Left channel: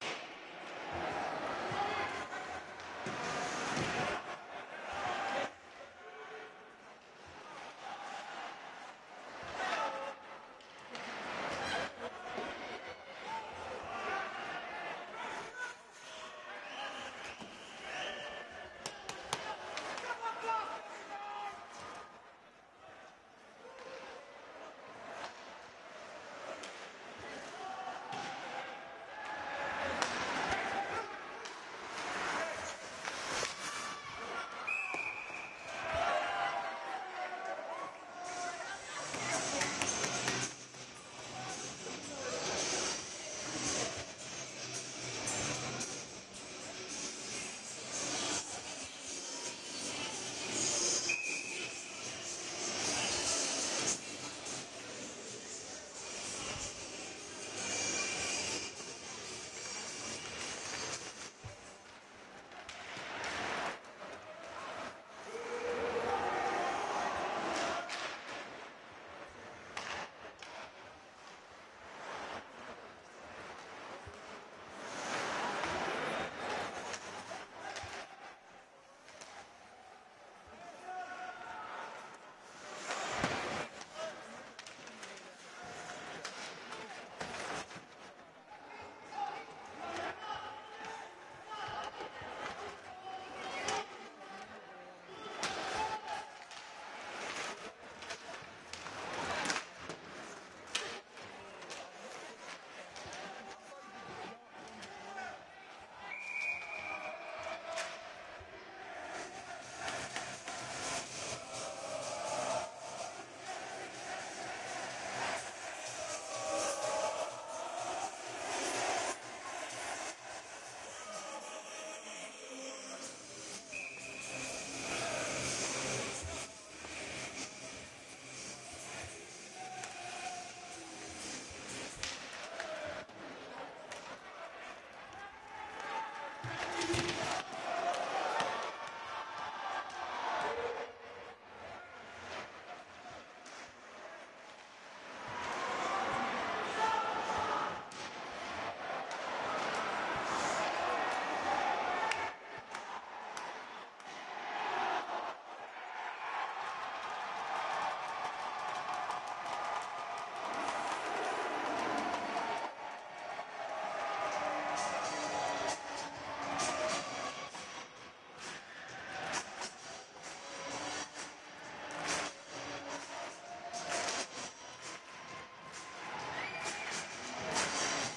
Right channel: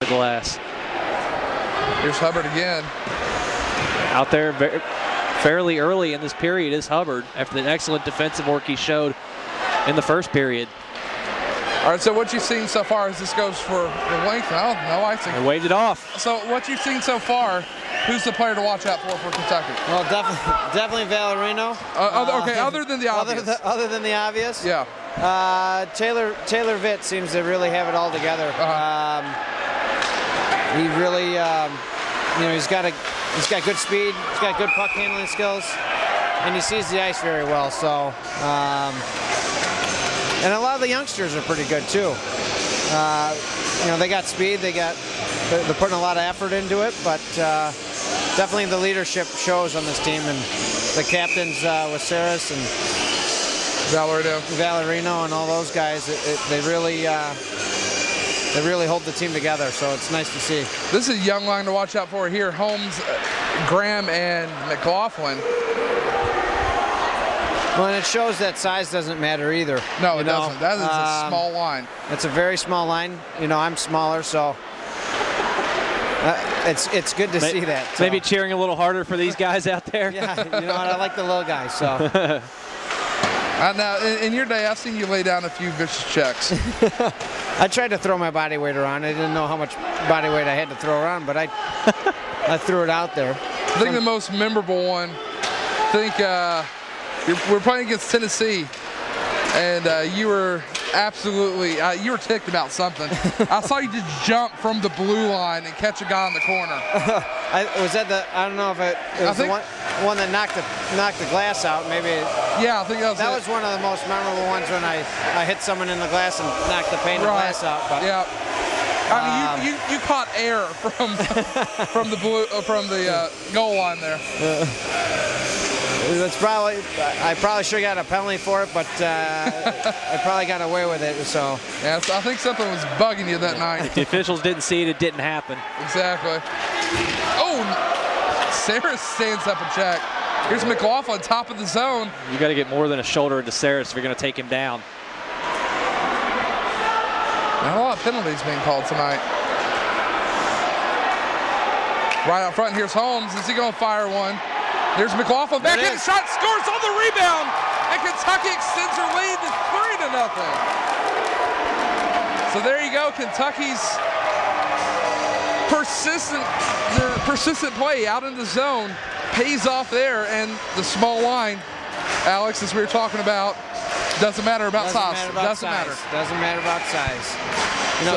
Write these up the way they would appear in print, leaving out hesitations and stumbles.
the glass. Here's Hubbard again. Out there fairly early in this period is Hubbard after the excellent defensive work he showed in the first period. All right, so what you've seen so far as this goes for the length? Oh, no icing. They waved it off. So what you've seen so far, who's the player to watch out for Kentucky? Well, definitely Valerino. Okay, other than the obvious. Other than the obvious? Yeah. Taylor Vitt seems to really have it all together. He really, he's got good speed. He's got good puck handling skills, and he sees the ice very well. So, and a lot of the youngsters are pretty good too. They got speed. They're putting a lot of effort into it, but definitely the leadership shows on this team, and the captains with Saris and Valerino and all those guys. They really hold the team together, so it's nice to see. This is a young line to watch out for here. Holmes, Graham, and McLaughlin. Well, and it shows that size doesn't matter either. No, it doesn't. That is a small line. It's a very small line. I'm smaller, so it's good to see that. So. Maybe cheering a little harder for these guys out there. Yeah, I like the little guys, so. Now, in your day, I've seen you lay down a few vicious checks. I tried to throw my body weight around. I didn't know how much body weight I had to throw around, but I threw it out there. I think the most memorable one, we're playing against Tennessee, and you were absolutely, you were ticked about something. I saw you just jump from the blue line and catch a guy in the corner. I don't know if it was the one that knocked the glass out, maybe. Yeah, I think that was one of the most memorable ones when I hit someone in the glass and knocked the pane of glass out. But, yeah. I mean, you caught air from the goal line there. I probably should have got a penalty for it, but I probably got away with it. So yeah, I think something was bugging you that night. If the officials didn't see it, it didn't happen. Exactly. Oh, Saris stands up a check. Here's McLaughlin, top of the zone. You got to get more than a shoulder into Saris if you're going to take him down. Not a lot of penalties being called tonight. Right out front, here's Holmes. Is he going to fire one? There's McLaughlin, back in, shot, scores on the rebound, and Kentucky extends her lead to 3-0. So there you go, Kentucky's persistent play out in the zone pays off there, and the small line, Alex, as we were talking about, doesn't matter about size. Doesn't matter about size.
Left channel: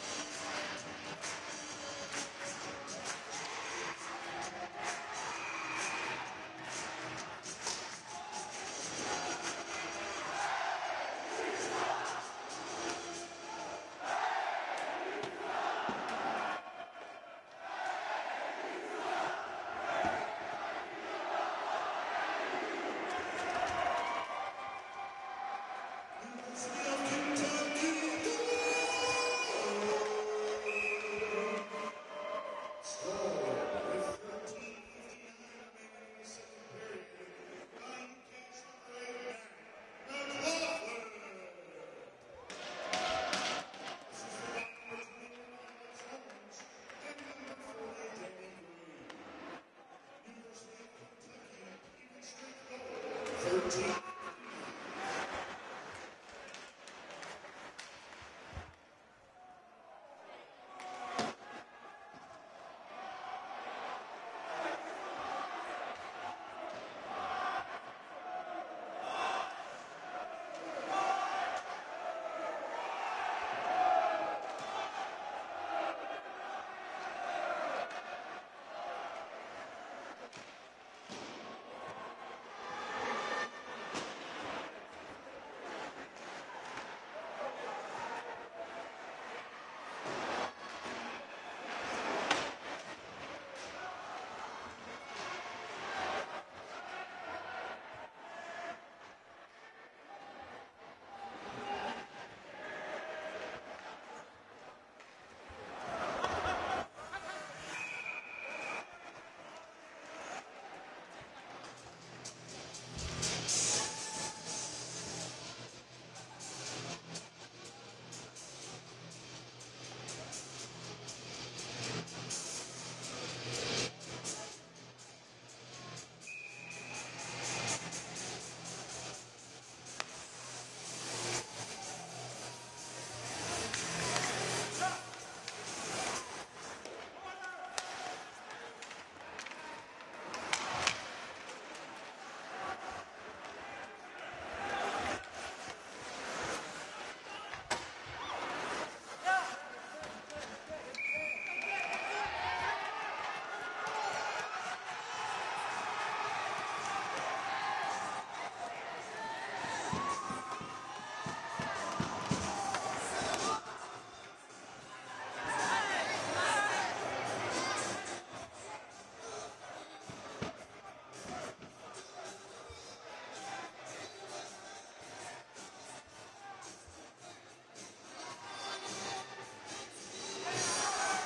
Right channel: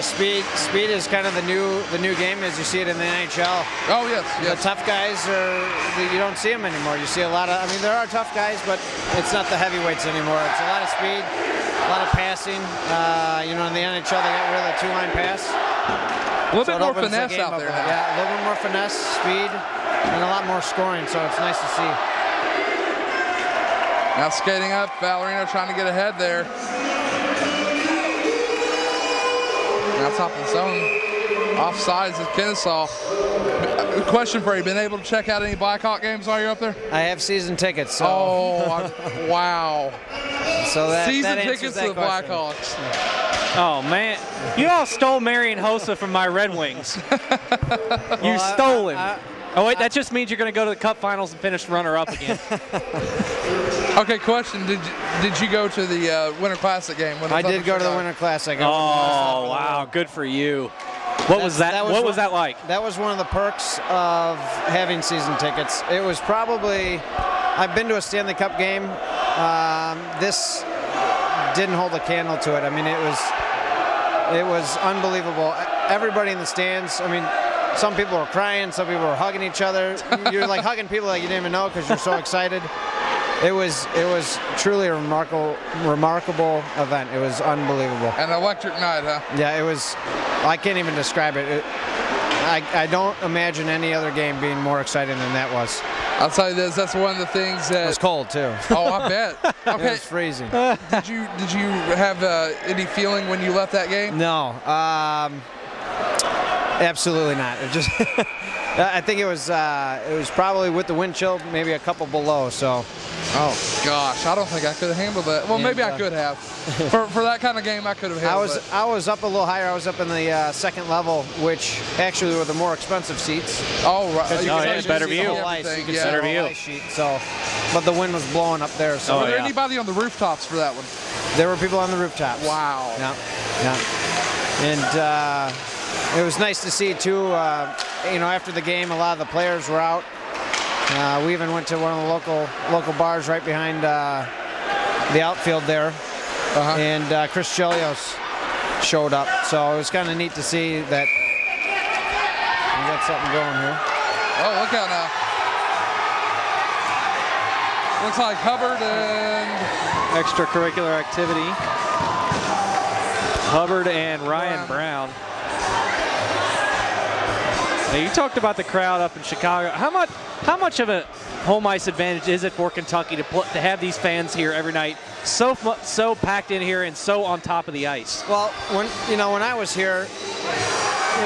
Speed is kind of the new game as you see it in the NHL. Oh yes. The tough guys you don't see them anymore. You see a lot of. I mean, there are tough guys, but it's not the heavyweights anymore. It's a lot of speed, a lot of passing. In the NHL they got rid of the two-line pass. A little bit more finesse out there now. Yeah, a little bit more finesse, speed, and a lot more scoring. So it's nice to see. Now skating up, Valerino trying to get ahead there. Now top of the zone. Offsides is Kennesaw. Question for you, been able to check out any Blackhawk games while you're up there? I have season tickets. So. Oh, wow. So season tickets to the Blackhawks. Oh, man. You all stole Marion Hossa from my Red Wings. You stole him. Oh, wait, that just means you're going to go to the Cup Finals and finish runner-up again. Okay, question. Did you go to the Winter Classic game? I did go to the Winter Classic. Oh, wow. Good for you. What was that? What was that like? That was one of the perks of having season tickets. It was probably, I've been to a Stanley Cup game. This didn't hold a candle to it. I mean, it was unbelievable. Everybody in the stands, I mean, some people were crying, some people were hugging each other. You're like hugging people that you didn't even know because you're so excited. It was truly a remarkable event. It was unbelievable. An electric night, huh? Yeah, it was. I can't even describe it. I don't imagine any other game being more exciting than that was. I'll tell you this, that's one of the things that... It was cold, too. Oh, I bet. Okay. It was freezing. Did you have any feeling when you left that game? No. Absolutely not. It just... I think it was probably with the wind chill, maybe a couple below, so Oh, gosh. I don't think I could have handled that. Well, maybe I could have. For that kind of game, I could have handled it. I was up a little higher. I was up in the second level, which actually were the more expensive seats. Oh, right. Yeah, better view. Better view. So, but the wind was blowing up there. So were there anybody on the rooftops for that one? There were people on the rooftops. Wow. Yeah. And it was nice to see, too, after the game, a lot of the players were out. We even went to one of the local bars right behind the outfield there. And Chris Chelios showed up. So it was kind of neat to see that we got something going here. Oh, look out now. Looks like Hubbard and... Extracurricular activity. Hubbard and Ryan Brown. Now, you talked about the crowd up in Chicago. How much of a home ice advantage is it for Kentucky to have these fans here every night, so packed in here and so on top of the ice? Well, when I was here,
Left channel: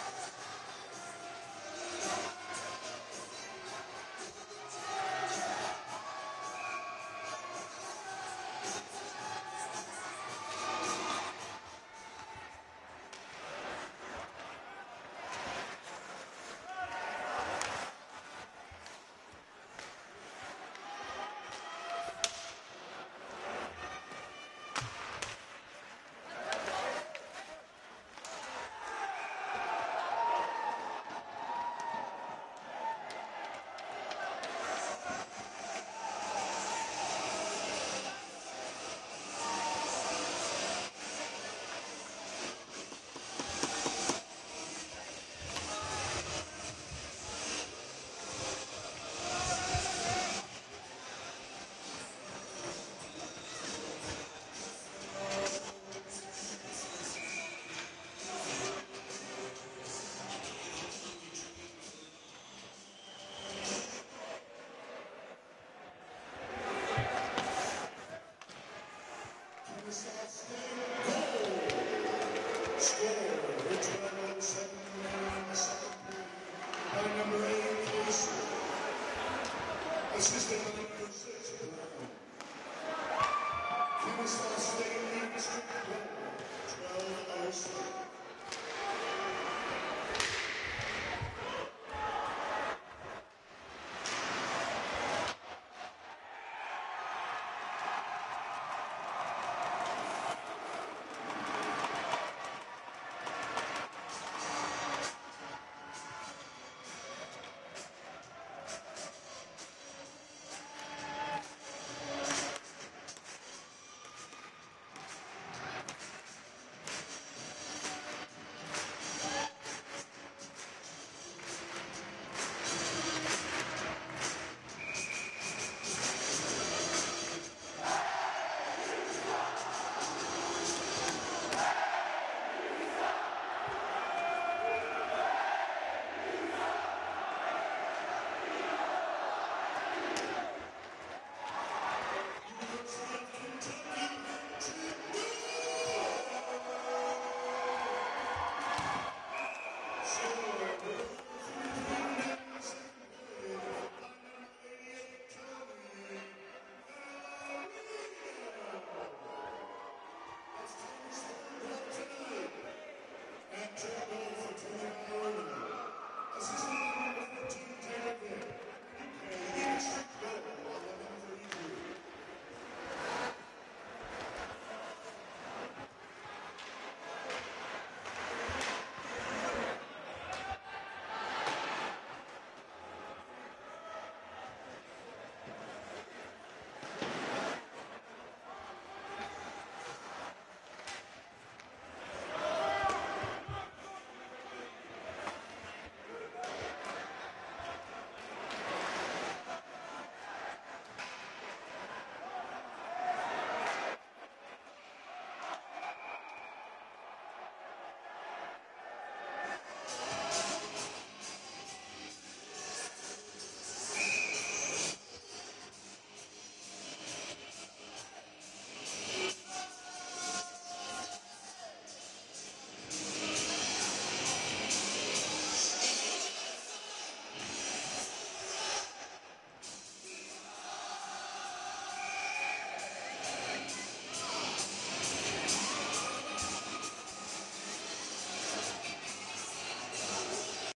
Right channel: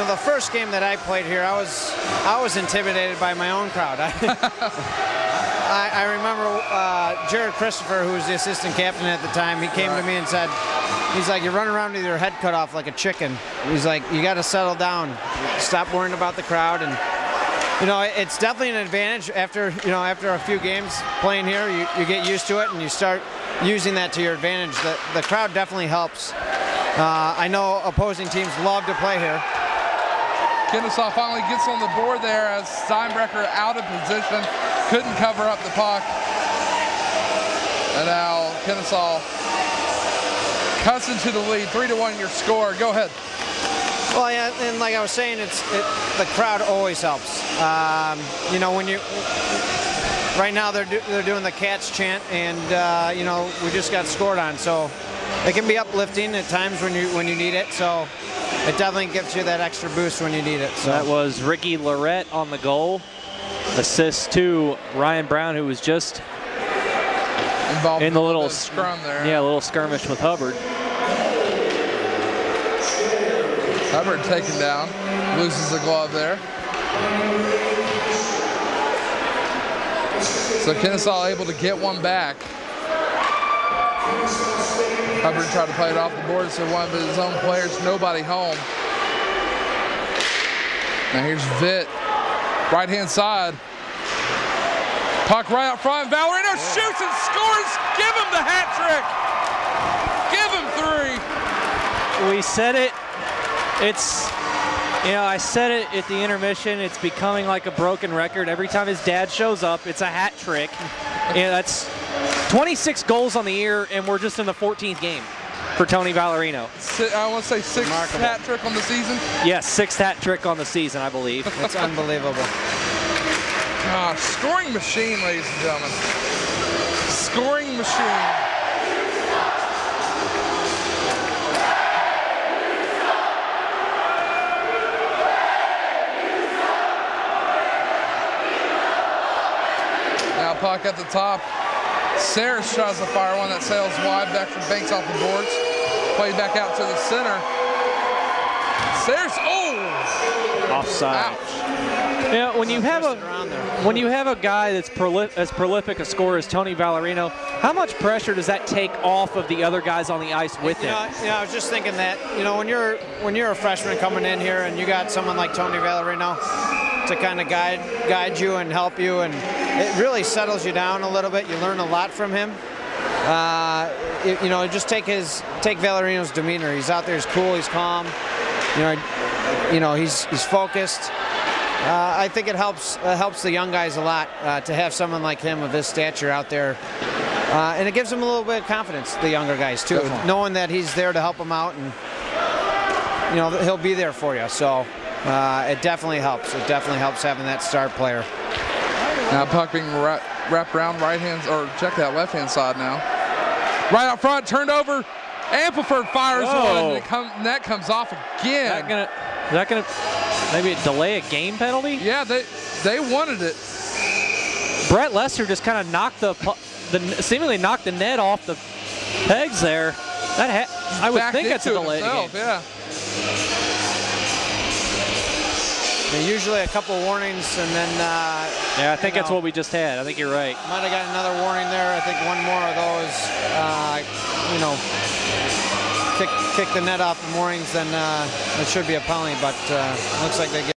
the first game that I played here, I was intimidated by my own crowd. I remember Jared Christopher, who was the assistant captain at the time, he came to me and said, he's like, you're running around with your head cut off like a chicken. He's like, you got to settle down. Stop worrying about the crowd. And, it's definitely an advantage after a few games playing here. You get used to it and you start using that to your advantage. The crowd definitely helps. I know opposing teams love to play here. Kennesaw finally gets on the board there as Steinbrecher out of position. Couldn't cover up the puck. And now Kennesaw cuts into the lead. 3-1 your score. Go ahead. Well, yeah, and like I was saying, the crowd always helps. Right now they're doing the Cats chant, and we just got scored on, so it can be uplifting at times when you need it. So it definitely gives you that extra boost when you need it. So that was Ricky Lorette on the goal. Assist to Ryan Brown, who was just involved in the little scrum there. Yeah, a little skirmish with Hubbard. Hubbard taken down, loses the glove there. So Kennesaw able to get one back. Hubbard tried to play it off the board, so one of his own players, nobody home. Now here's Vitt, right-hand side. Puck right out front, Valerino shoots and scores! Give him the hat trick! Give him 3! We said it. I said it at the intermission. It's becoming like a broken record. Every time his dad shows up, it's a hat trick. That's 26 goals on the year, and we're just in the 14th game for Tony Valerino. I want to say sixth hat trick on the season? Yes, sixth hat trick on the season, I believe. That's unbelievable. Gosh, scoring machine, ladies and gentlemen. Scoring machine. Now puck at the top. Sayers tries to fire one that sails wide back from Banks off the boards. Played back out to the center. Sayers, offside. Ouch. When you have a guy that's as prolific a scorer as Tony Valerino, how much pressure does that take off of the other guys on the ice with him? I was just thinking that when you're a freshman coming in here and you got someone like Tony Valerino to kind of guide you and help you, and it really settles you down a little bit. You learn a lot from him. Just take Valerino's demeanor. He's out there, he's cool, he's calm. He's focused. I think it helps the young guys a lot to have someone like him of his stature out there, and it gives them a little bit of confidence, the younger guys too, knowing that he's there to help them out, and he'll be there for you. So it definitely helps. It definitely helps having that star player. Now puck being wrapped around right hand, or check that left hand side now. Right out front, turned over. Ampliford fires one, and that comes off again. Is that gonna maybe delay a game penalty? Yeah, they wanted it. Brett Lester just kind of seemingly knocked the net off the pegs there. I would think that's a delay. Yeah. Usually a couple warnings, and then yeah, I think that's what we just had. I think you're right. Might have got another warning there. I think one more of those, kick the net off the moorings, then it should be a penalty. But looks like they get